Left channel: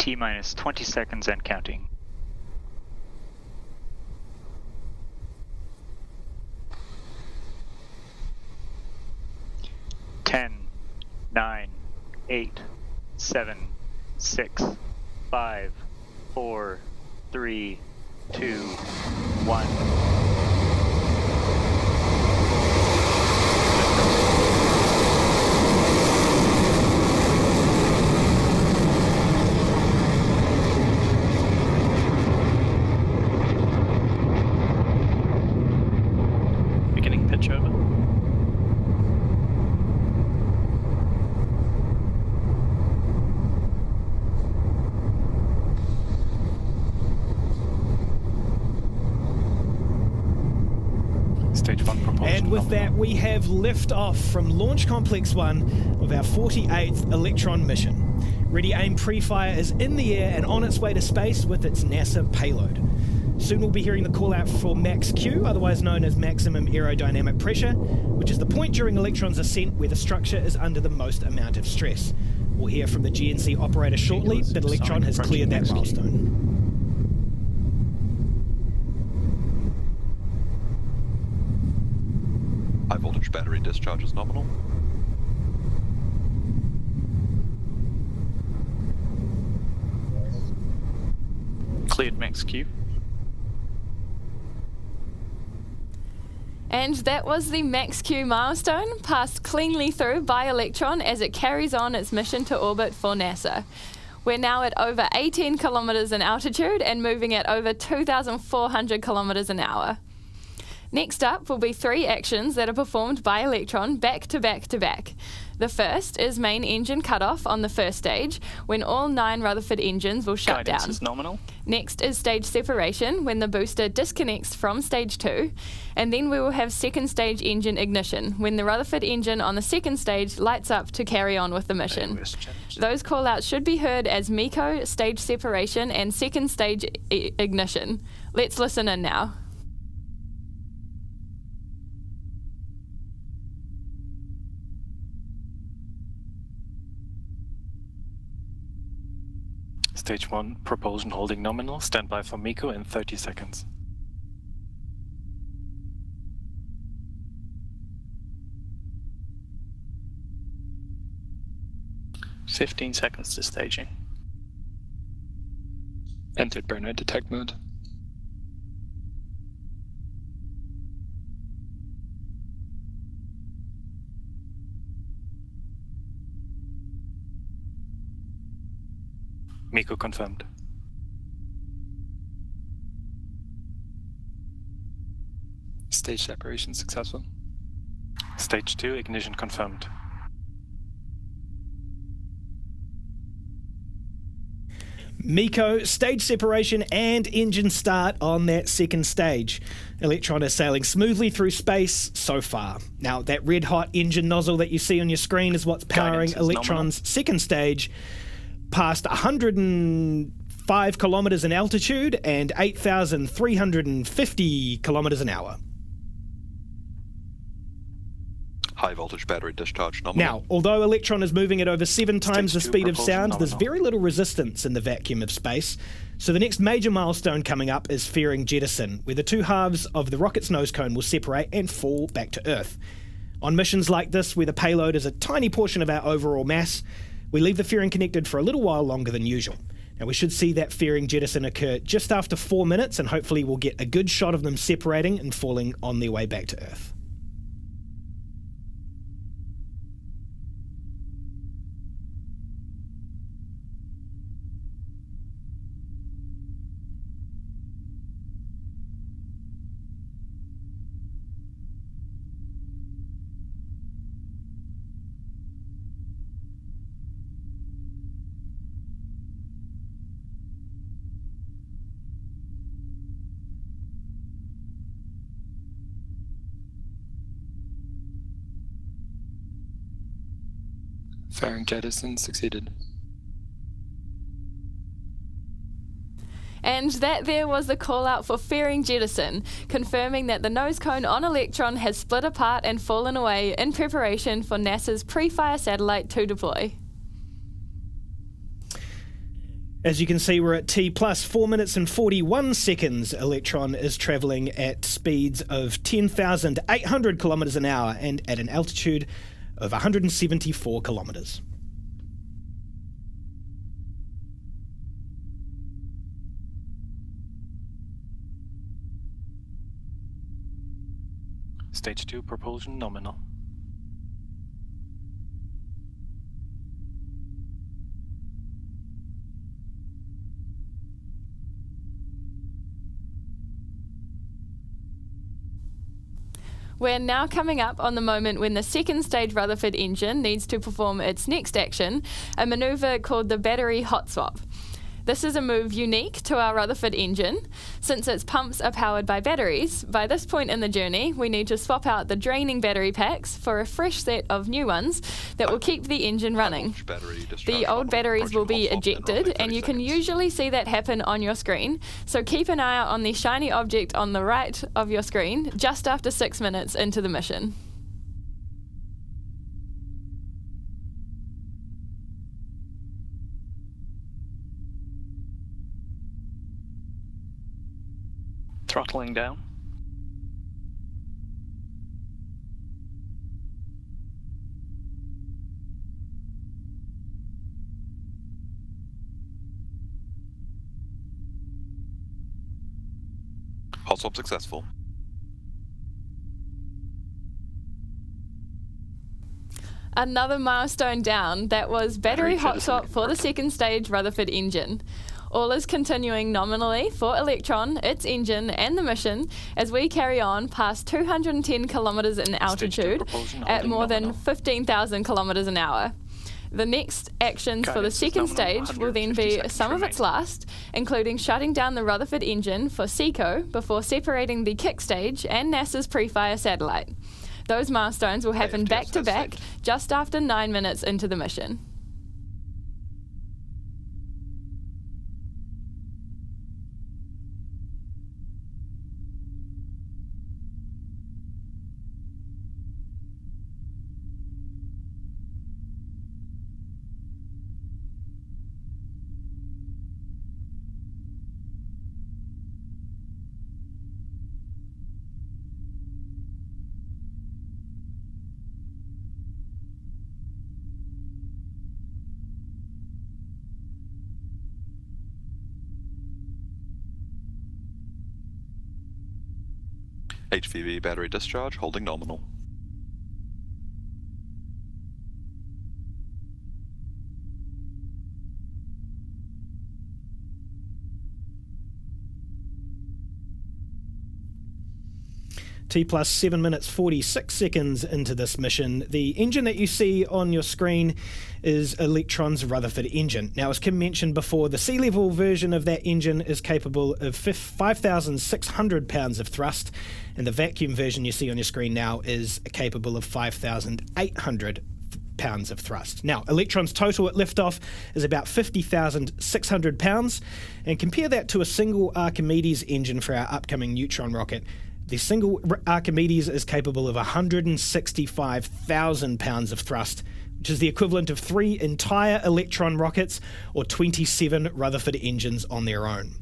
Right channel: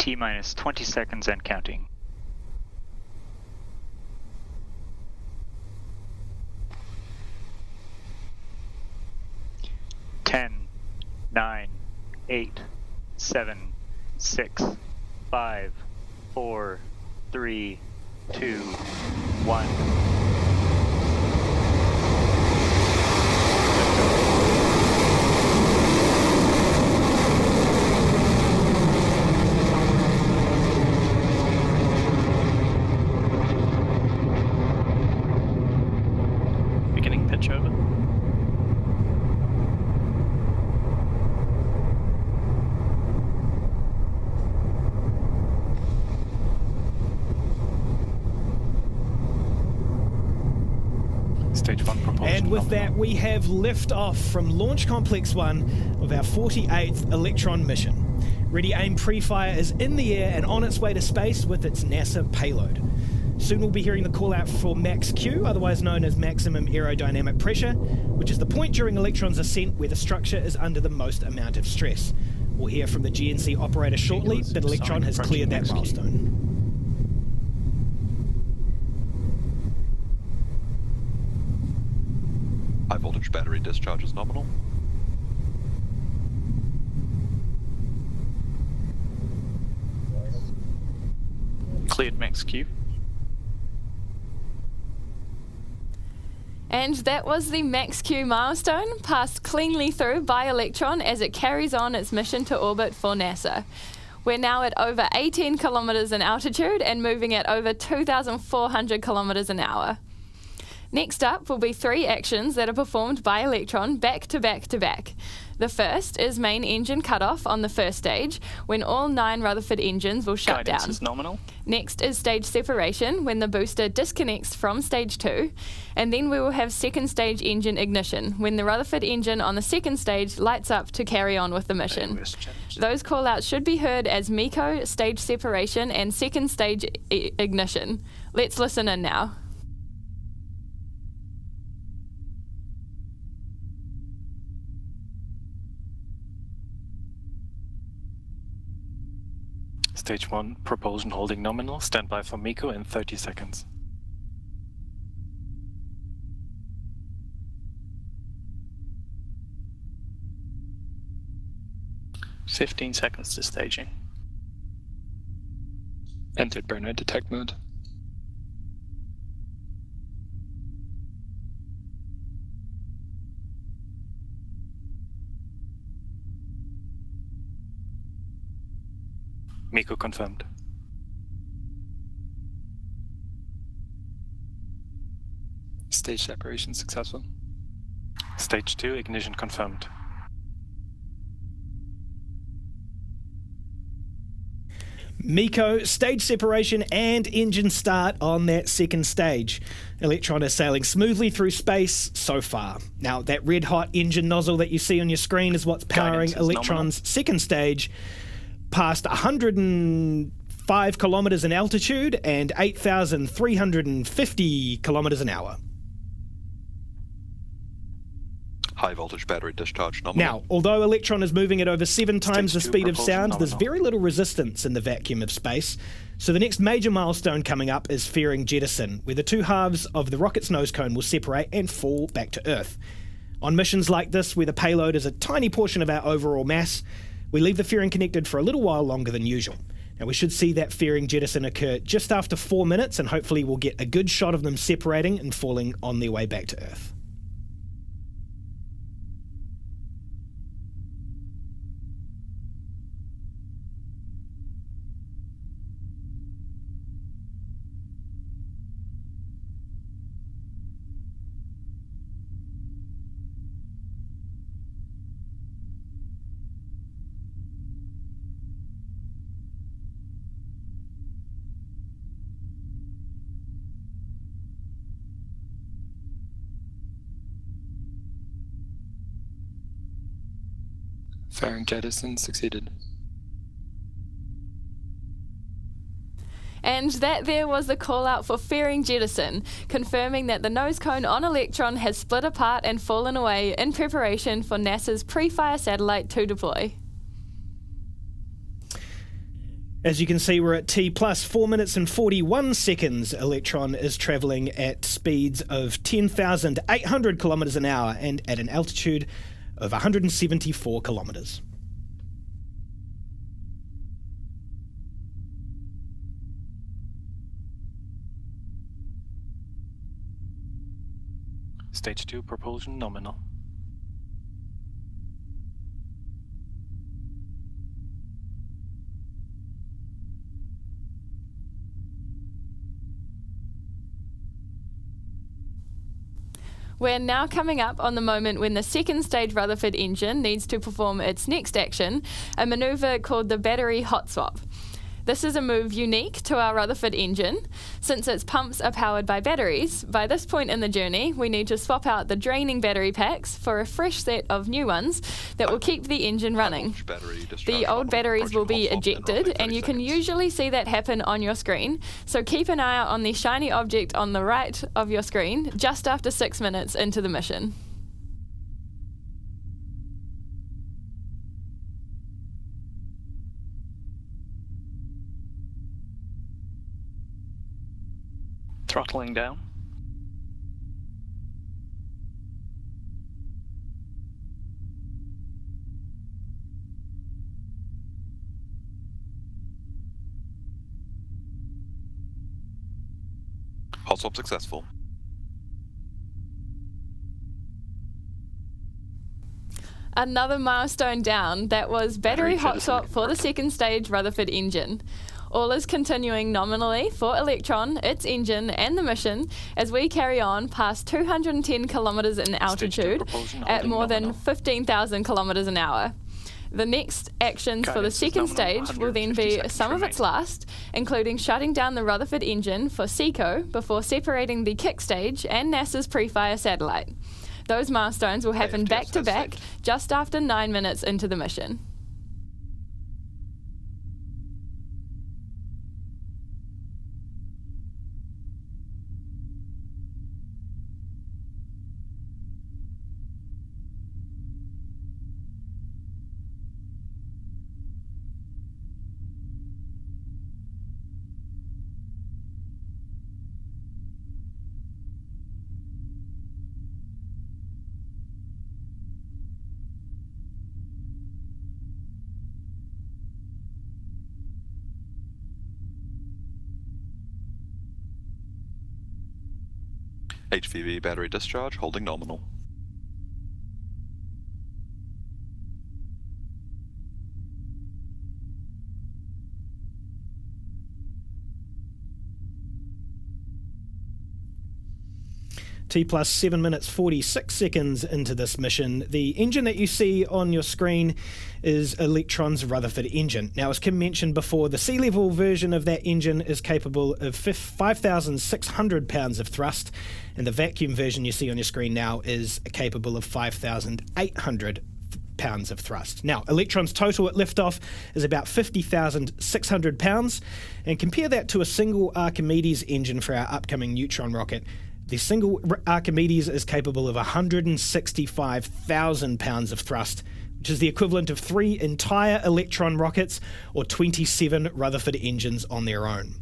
T-minus 20 seconds and counting. 10, 9, 8, 7, 6, 5, 4, 3, 2, 1. Beginning pitch over. Stage 1 propulsion. And with that, we have lift off from Launch Complex 1 of our 48th Electron mission. Ready Aim PREFIRE is in the air and on its way to space with its NASA payload. Soon we'll be hearing the call out for max Q, otherwise known as maximum aerodynamic pressure, which is the point during Electron's ascent where the structure is under the most amount of stress. We'll hear from the GNC operator shortly that Electron has cleared that milestone. High voltage battery discharge is nominal. Cleared max Q. And that was the max Q milestone, passed cleanly through by Electron as it carries on its mission to orbit for NASA. We're now at over 18 kilometers in altitude and moving at over 2,400 kilometers an hour. Next up will be 3 actions that are performed by Electron back to back to back. The first is main engine cutoff on the first stage, when all 9 Rutherford engines will shut Guidance down. is nominal. Next is stage separation, when the booster disconnects from stage 2. And then we will have second stage engine ignition, when the Rutherford engine on the second stage lights up to carry on with the mission. Those call-outs should be heard as MECO, stage separation, and second stage ignition. Let's listen in now. Stage 1, propulsion holding nominal. Stand by for MECO in 30 seconds. "15 seconds to staging. Entered burner detect mode. MECO confirmed. Stage separation successful. Stage 2, ignition confirmed. MECO, stage separation and engine start on that second stage. Electron is sailing smoothly through space so far. Now, that red hot engine nozzle that you see on your screen is what's powering Electron's second stage, past 105 kilometers in altitude and 8,350 kilometers an hour. High voltage battery discharge nominal. Now, although Electron is moving at over 7 times the Stage 2 speed of sound, there's nominal. very little resistance in the vacuum of space. So the next major milestone coming up is fairing jettison, where the 2 halves of the rocket's nose cone will separate and fall back to Earth. On missions like this, where the payload is a tiny portion of our overall mass, we leave the fairing connected for a little while longer than usual. Now, we should see that fairing jettison occur just after 4 minutes, and hopefully we'll get a good shot of them separating and falling on their way back to Earth. Fairing jettison succeeded. And that there was the call out for fairing jettison, confirming that the nose cone on Electron has split apart and fallen away in preparation for NASA's PREFIRE satellite to deploy. As you can see, we're at T plus 4 minutes and 41 seconds. Electron is travelling at speeds of 10,800 kilometres an hour and at an altitude of 174 kilometres. Stage 2 propulsion nominal. We're now coming up on the moment when the second stage Rutherford engine needs to perform its next action, a manoeuvre called the battery hot swap. This is a move unique to our Rutherford engine. Since its pumps are powered by batteries, by this point in the journey, we need to swap out the draining battery packs for a fresh set of new ones that will keep the engine running. The old batteries will be ejected, and you can usually see that happen on your screen, so keep an eye out on the shiny object on the right of your screen just after 6 minutes into the mission. Throttling down. Hot swap successful. Another milestone down. That was battery hot swap for the second stage Rutherford engine. All is continuing nominally for Electron, its engine, and the mission as we carry on past 210 kilometres in altitude at more than 15,000 kilometres an hour. The next actions for the second stage will then be some of its last, including shutting down the Rutherford engine for SECO before separating the kick stage and NASA's PREFIRE satellite. Those milestones will happen back to back just after 9 minutes into the mission. HVV battery discharge holding nominal. T plus 7 minutes 46 seconds into this mission. The engine that you see on your screen is Electron's Rutherford engine. Now, as Kim mentioned before, the sea level version of that engine is capable of 5,600 pounds of thrust, and the vacuum version you see on your screen now is capable of 5,800 pounds of thrust. Now, Electron's total at liftoff is about 50,600 pounds, and compare that to a single Archimedes engine for our upcoming neutron rocket. The single Archimedes is capable of 165,000 pounds of thrust, which is the equivalent of 3 entire Electron rockets or 27 Rutherford engines on their own.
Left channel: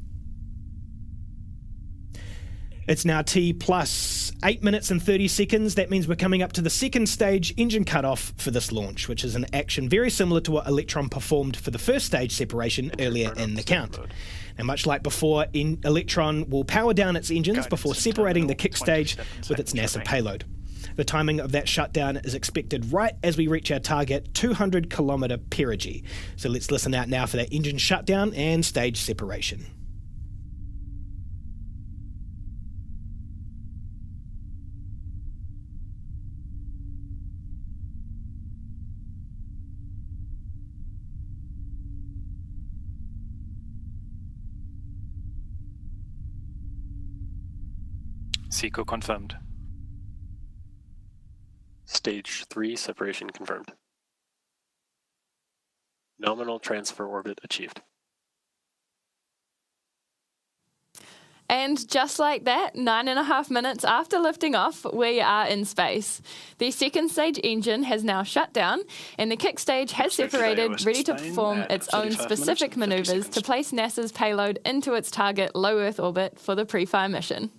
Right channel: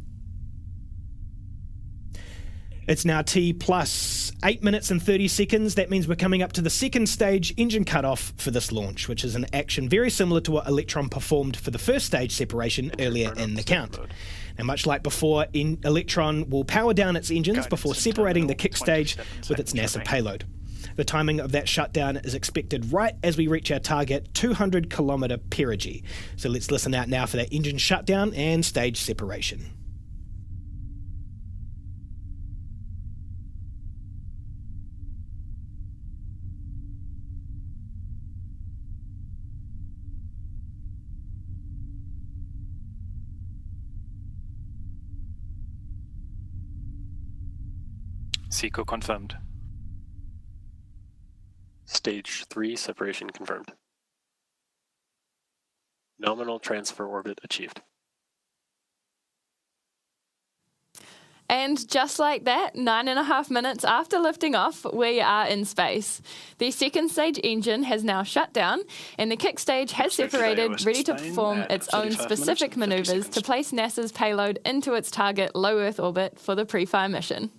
It's now T plus 8 minutes and 30 seconds. That means we're coming up to the second stage engine cutoff for this launch, which is an action very similar to what Electron performed for the first stage separation earlier in the count. And much like before, Electron will power down its engines before separating the kick stage with its NASA payload. The timing of that shutdown is expected right as we reach our target 200 kilometre perigee. So let's listen out now for that engine shutdown and stage separation. SECO confirmed. Stage 3 separation confirmed. Nominal transfer orbit achieved. And just like that, 9.5 minutes after lifting off, we are in space. The second stage engine has now shut down, and the kick stage has separated, ready to perform its own specific maneuvers to place NASA's payload into its target low Earth orbit for the PREFIRE mission.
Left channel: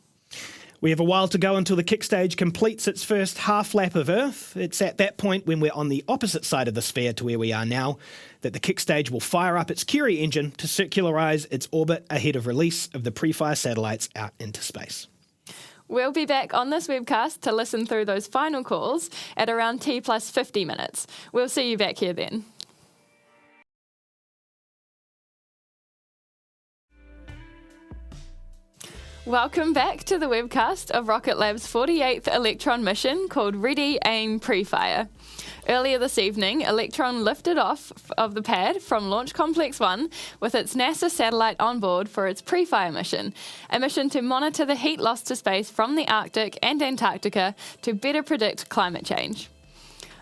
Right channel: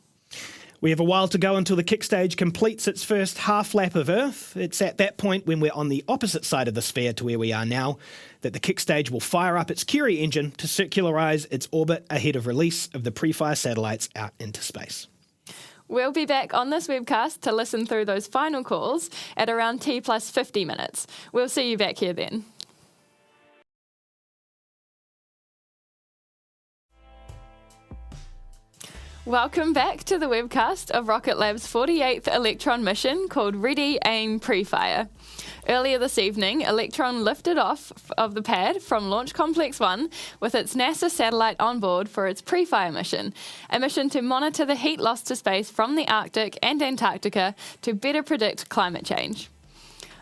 We have a while to go until the kick stage completes its first half lap of Earth. It's at that point, when we're on the opposite side of the sphere to where we are now, that the kick stage will fire up its Curie engine to circularize its orbit ahead of release of the PREFIRE satellites out into space. We'll be back on this webcast to listen through those final calls at around T plus 50 minutes. We'll see you back here then. Welcome back to the webcast of Rocket Lab's 48th Electron mission called Ready, Aim, PREFIRE. Earlier this evening, Electron lifted off of the pad from Launch Complex 1 with its NASA satellite on board for its PREFIRE mission, a mission to monitor the heat lost to space from the Arctic and Antarctica to better predict climate change.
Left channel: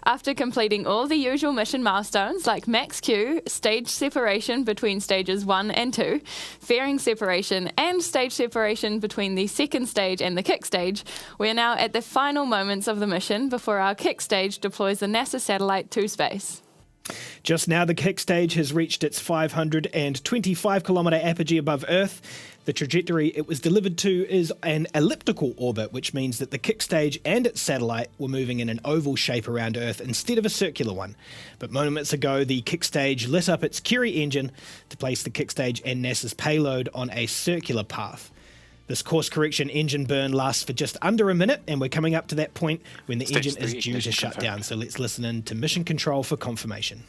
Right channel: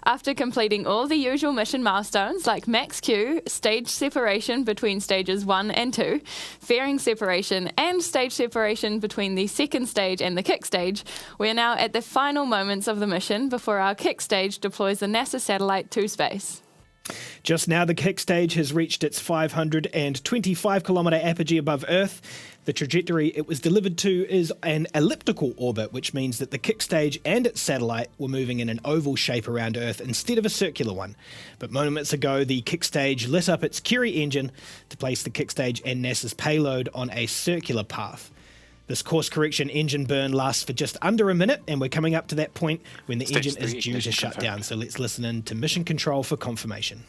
After completing all the usual mission milestones like max Q, stage separation between stages 1 and 2, fairing separation and stage separation between the second stage and the kick stage, we are now at the final moments of the mission before our kick stage deploys the NASA satellite to space. Just now, the kick stage has reached its 525-kilometre apogee above Earth. The trajectory it was delivered to is an elliptical orbit, which means that the kick stage and its satellite were moving in an oval shape around Earth instead of a circular one. But moments ago, the kick stage lit up its Curie engine to place the kick stage and NASA's payload on a circular path. This course correction engine burn lasts for just under a minute, and we're coming up to that point when the engine is due to shut down. So let's listen in to mission control for confirmation.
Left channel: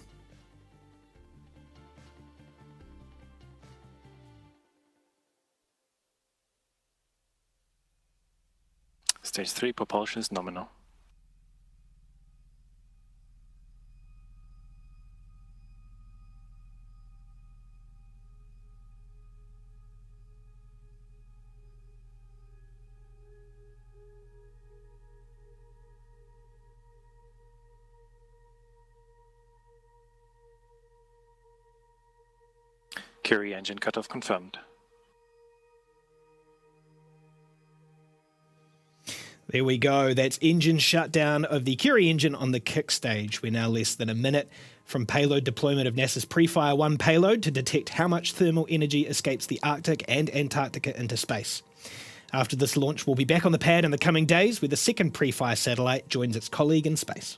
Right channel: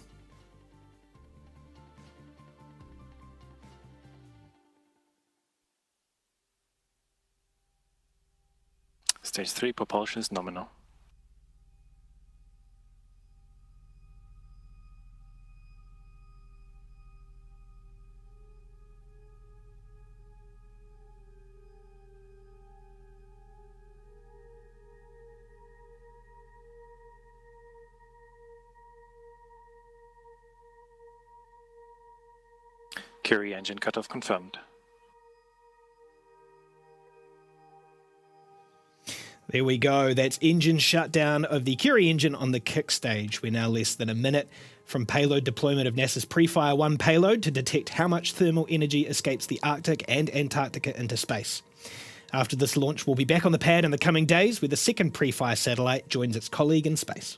Stage 3 propulsion is nominal. Curie engine cutoff confirmed. There we go. That's engine shutdown of the Curie engine on the kick stage. We're now less than a minute from payload deployment of NASA's PREFIRE 1 payload to detect how much thermal energy escapes the Arctic and Antarctica into space. After this launch, we'll be back on the pad in the coming days where the second PREFIRE satellite joins its colleague in space.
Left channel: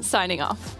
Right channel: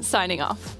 Signing off.